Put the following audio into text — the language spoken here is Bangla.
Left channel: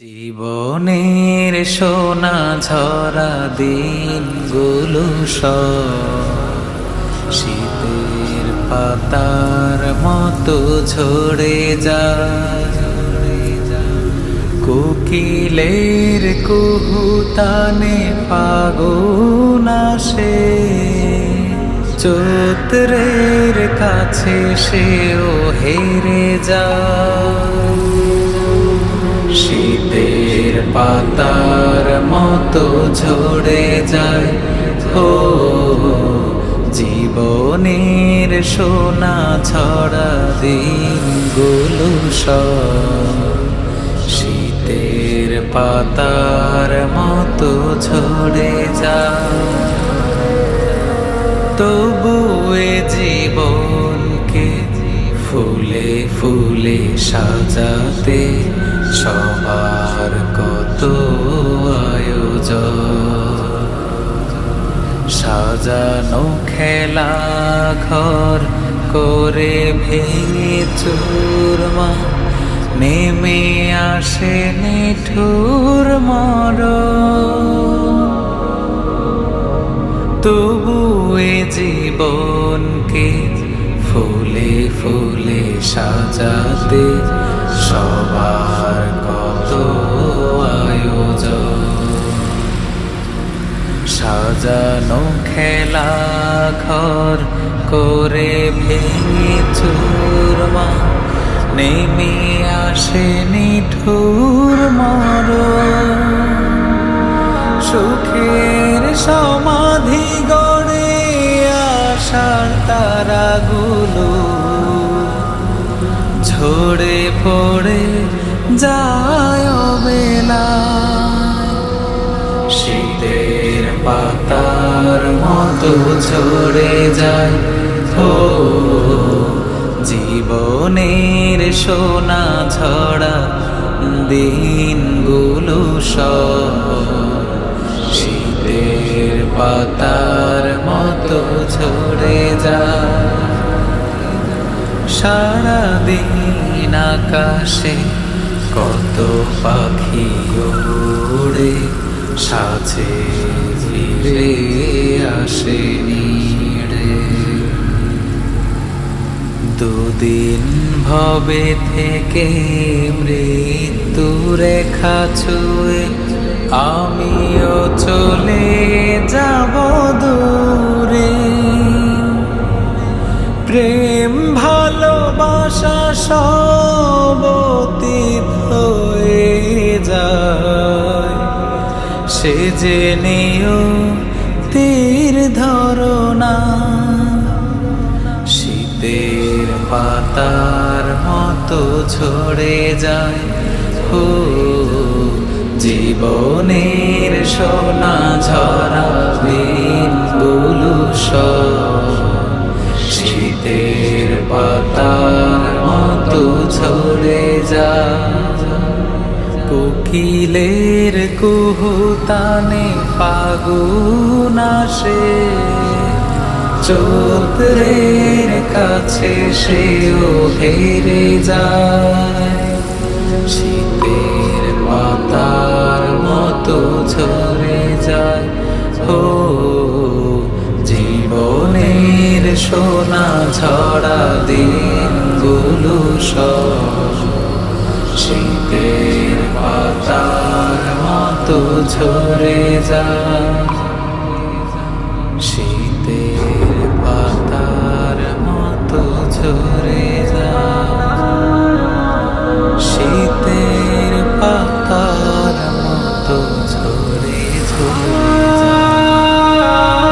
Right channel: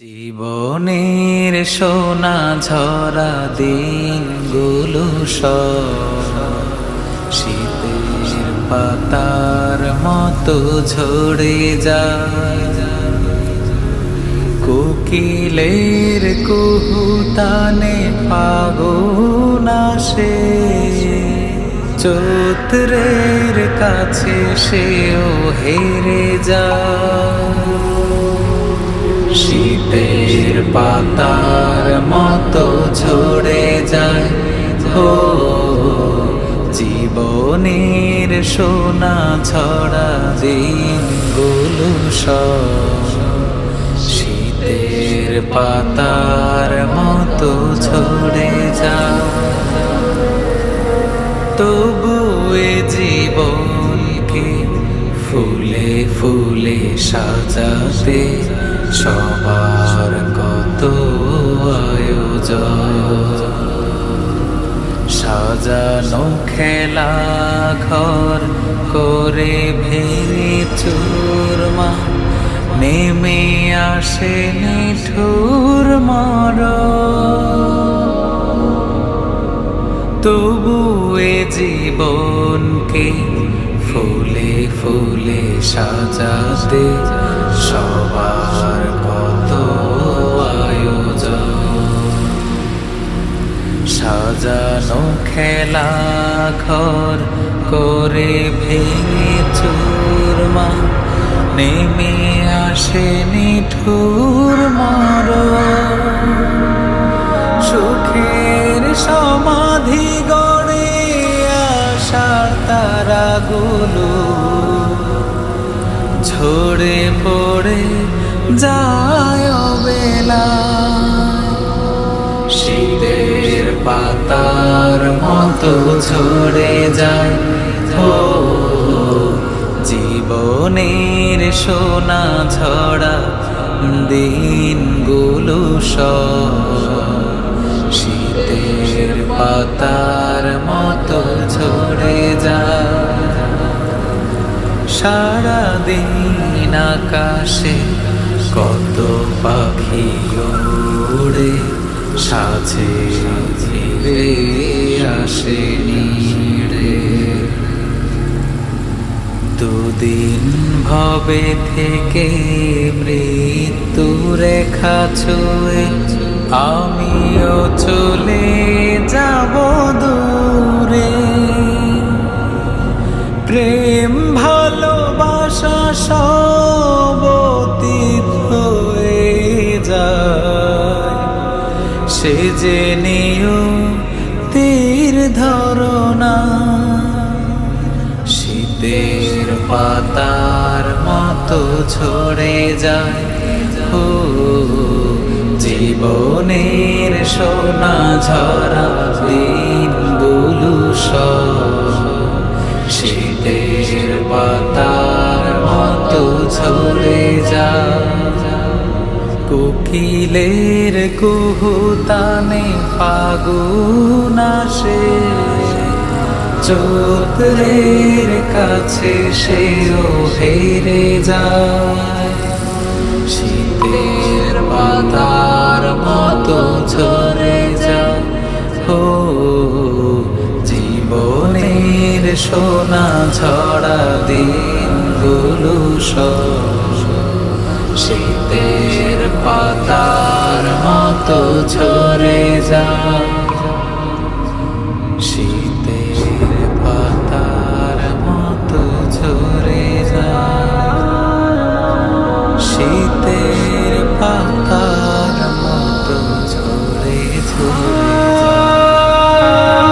জীবনের সোনা ঝরা দিনগুলো সব শীতের পাতার মতো ঝরে যায়। কোকিলের কুহুতানে ফাগুন আসে, চৈত্রের কাছে সেও হেরে যায়। শীতের পাতার মতো ঝরে যায় হো জীবনের সোনা ঝরা দিনগুলো সব শীতের পাতার মতো ঝরে যায়। তবু এ জীবনকে ফুলে ফুলে সাজাতে সবার কত আয়োজন। সাজানো খেলা ঘর করে ভেঙে চুরমা নেমে আসে নিঠুর মরণ। তবু এ জীবনকে ফুলে ফুলে সাজাতে সবার কত আয়োজন। সাজানো খেলা ঘর করে ভেঙে চুরমা নেমে আসে নিঠুর মরণ। সুখের সমাধি গড়ে আশার তারাগুলো ঝরে পড়ে যায় অবেলায়। শীতের পাতার মতো ঝরে যায় ও জীবনের সোনা ঝরা দিনগুলো সব শীতের পাতার মতো ঝরে যায়। সারাদিন আকাশে কত পাখি ওড়ে, সাজে ফিরে আসে নিড়ে। দুদিন ভবে থেকে মৃত্যু রেখা ছুঁয়ে আমিও চলে যাব দূরে। প্রেম ভালোবাসা সব অতীত হয়ে যায়। সে যে নিও তীর ধরনা শীতের পাতার মতো ঝরে যায় হো জীবনের সোনা ঝরা দিনগুলো সব শীতের পাতার মতো ঝরে যায়। কোকিলের কুহুতানে ফাগুন আসে, চৈত্রের কাছে সেও হেরে যায়। শীতের পাতার মতো ঝরে যায় হো জীবনের সোনা ঝরা দিনগুলো সব শীতের পাতার মতো ঝরে যায়। শীতের পাতার মতো ঝরে যায়। শীতের পাতার মতো ঝরে ঝরে যায়।